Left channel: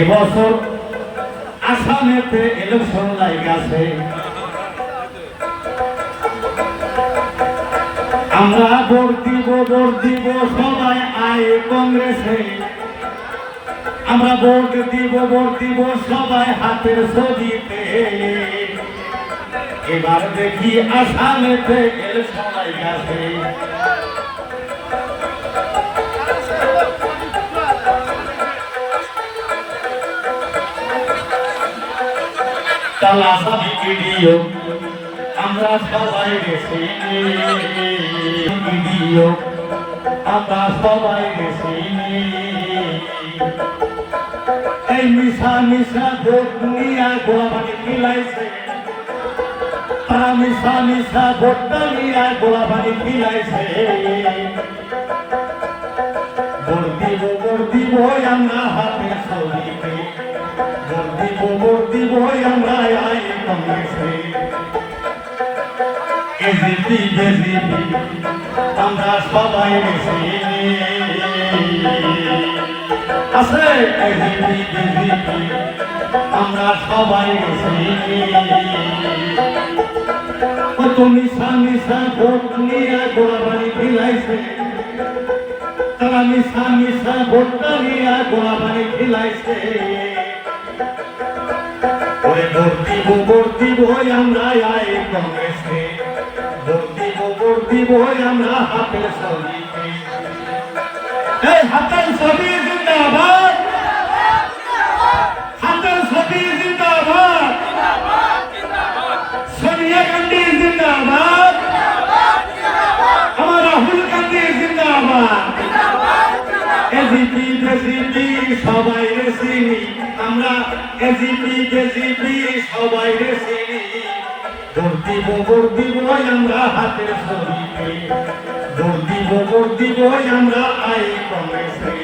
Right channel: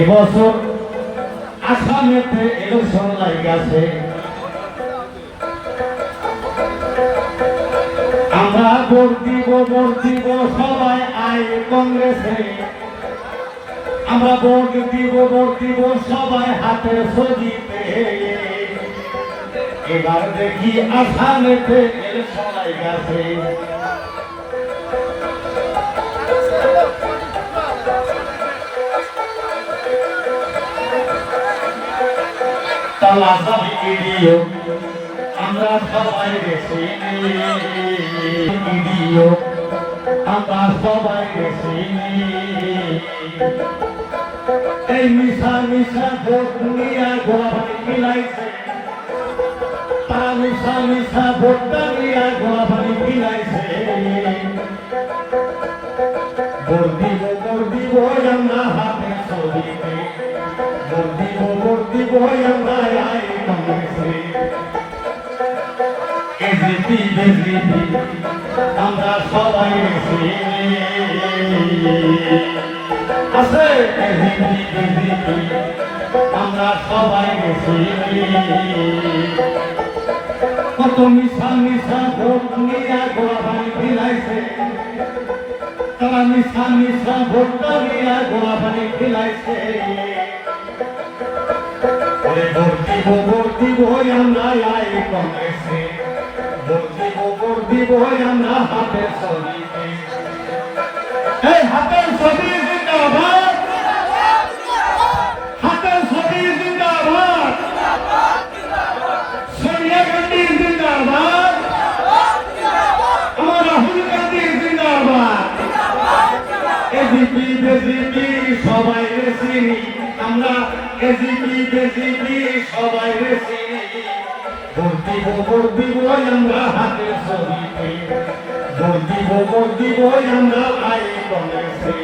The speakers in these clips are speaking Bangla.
এবছর আসামেতে ইলেকশন লাগাছে, আমরা ভোট দিব সবাই আই কংগ্রেসে, আমরা ভোট দিব সবাই হাতের ছবিতে। এবার দেখি আসামেতে ইলেকশন লাগাছে, তালা চাবি ভিডিও আমরা সবাই গেছি, ভিডিও আমরা সবাই গেছি। এই মিশা ভোট নিয়ে গোলাবাড়ি খিলাইছে, তারা মিশা ভোটটা নিয়ে গোলাবাড়ি খিলাইছে। ভোট দিব আমরা হাতে ছবিতে, ভোট দিব আমরা আই কংগ্রেসে। এজিপি বেজিপি আমরা সবাই গেছি, আছে এজিপি বেজিপি আমরা সবাই গেছি। কত মিশা ভোট নিয়ে গোলাবাড়ি খিলাইছে, তারা মিশা ভোটটা নিয়ে গোলাবাড়ি খিলাইছে। ভোট দিব আমরা আই কংগ্রেসে, ভোট দিব আমরা হাতের ছবিতে। এই হাতের ছবি জিন্দাবাদ, হাতের ছবি জিন্দাবাদ, সোনিয়া গান্ধী জিন্দাবাদ, আমার রাহুল গান্ধী জিন্দাবাদ। এজিপি বেজিপি সবাই চিনি আমরা, এজিপি বেজিপি সবাই চিনি। ভোট দিব আমরা হাতের ছবিতে, ভোট দিব আমরা আই কংগ্রেসে।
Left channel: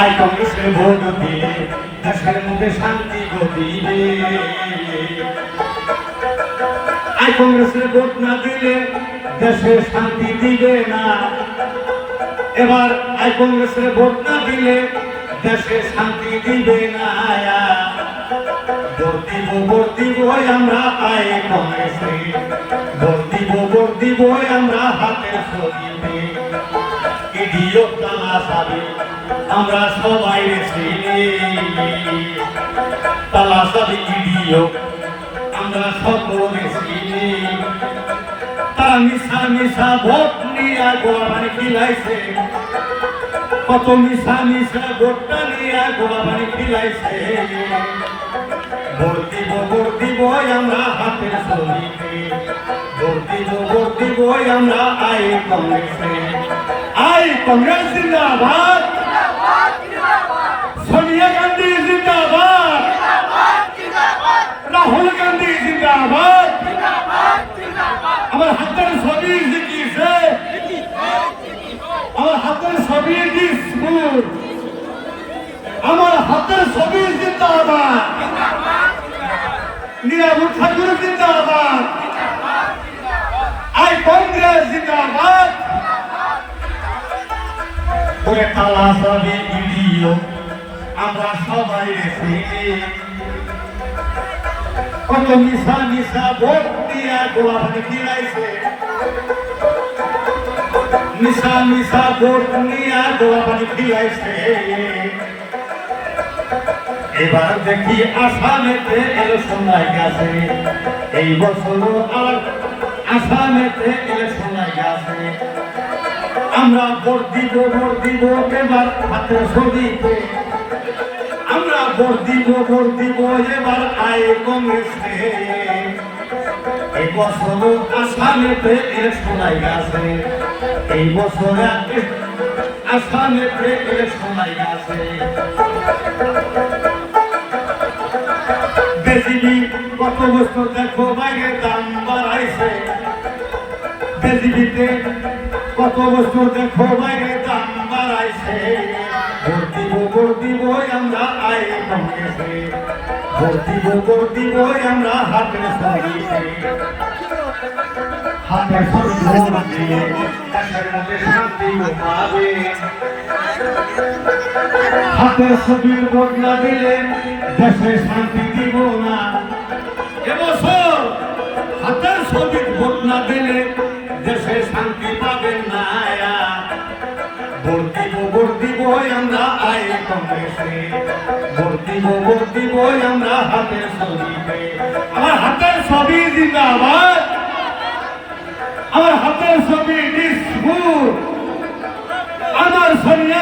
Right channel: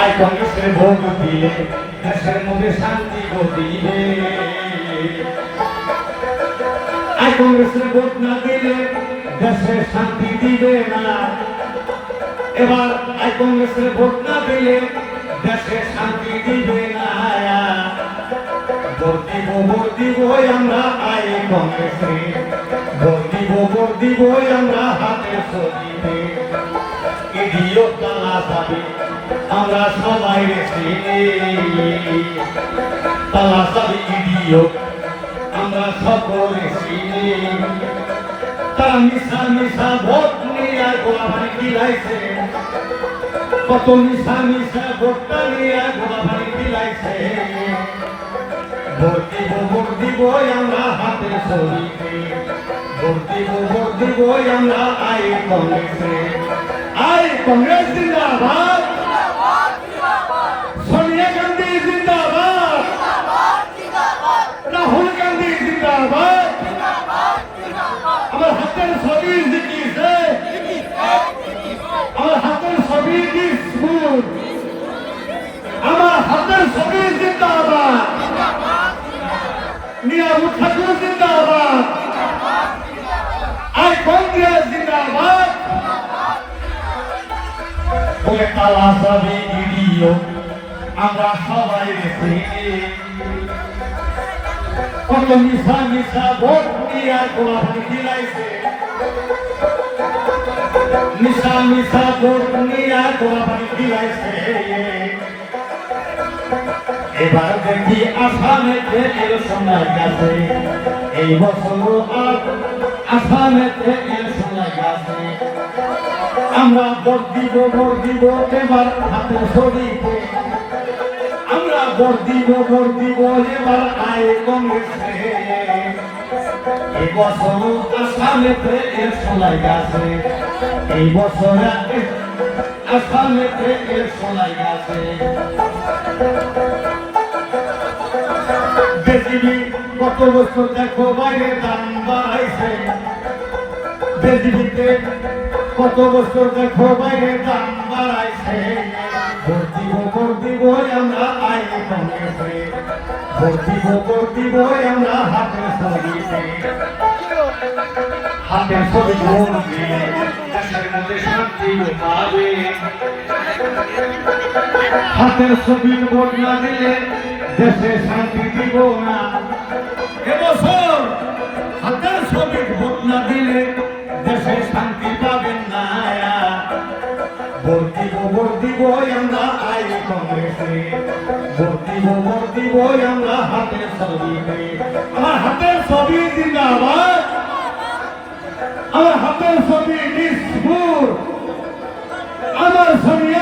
আই কংগ্রেসে ভোট দিলে দেশের মধ্যে শান্তি দিবে, আই কংগ্রেসের ভোট না দিলে দেশে শান্তি দিবে না। এবার আই কংগ্রেসের ভোট না দিলে দেশে শান্তি দিবে না। ভোট দিব আমরা আই কংগ্রেসে, ভোট দিব আমরা হাতের ছবিতে। ইডিও তালা চাবি আমরা সবাই গেছি, তালা চাবি ইডিও আমরা সকল গেছি। তারা মিশা ভোট নিয়ে গোলাবাড়ি খিলাইছে, কত মিশা ভোটটা নিয়ে গোলাবাড়ি খিলাইছে। ভোট দিব আমরা হাতের ছবিতে, ভোট দিব আমরা আই কংগ্রেসে। আই কংগ্রেস জিন্দাবাদ, সোনিয়া গান্ধী জিন্দাবাদ, রাহুল গান্ধী জিন্দাবাদ। আমার হাতের ছবি জিতিছে, আমার হাতের ছবি দিসপুর, আমার হাতের ছবি জিন্দাবাদ, নিয়াবু ঠাকুর জিন্দাবাদ, আই কংগ্রেস জিন্দাবাদ। তালা চাবি ভিডিও আমরা সবাই গেছি, কত মিশা ভোট নিয়ে গোলাবাড়ি খিলাইছে, মিশা ভোট নিয়ে গোলাবাড়ি খিলাইছে। এবার দেখি আসামেতে ইলেকশন লাগাছে, এই বছর আর আসামেতে ইলেকশন লাগাছে। আমরা ভোট দিব এবার হাতের ছবিতে, আমরা ভোট দিব এবার আই কংগ্রেসে। এই বছর আসামেতে ইলেকশন লাগাছে, এই বছর আসামেতে ইলেকশন লাগাছে। বেজিবি কত বস্তু দেখো বাইরে দাম বাড়াইছে, বেজিবিতে কত বস্তু দেখো বাইরে দাম বাড়াইছে। ভোট দিব আমরা আই কংগ্রেসে, ভোট দিব আমরা হাতের ছবিতে। হাতের ছবি ভোট দিয়ে দেশের মধ্যে শান্তি পাবে। হাতের ছবির ভোট না দিলে দেশে শান্তি দিব না। এবছর হাতের ছবির ভোট না দিলে দেশে শান্তি পাবেন না। ভোট দিব আমরা আই কংগ্রেসে, ভোট দিব আমরা হাতের ছবিতে। আমার হাতের ছবি জিন্দাবাদ, আমার হাতের ছবি নিষ্ঠুর, আমার সোনিয়া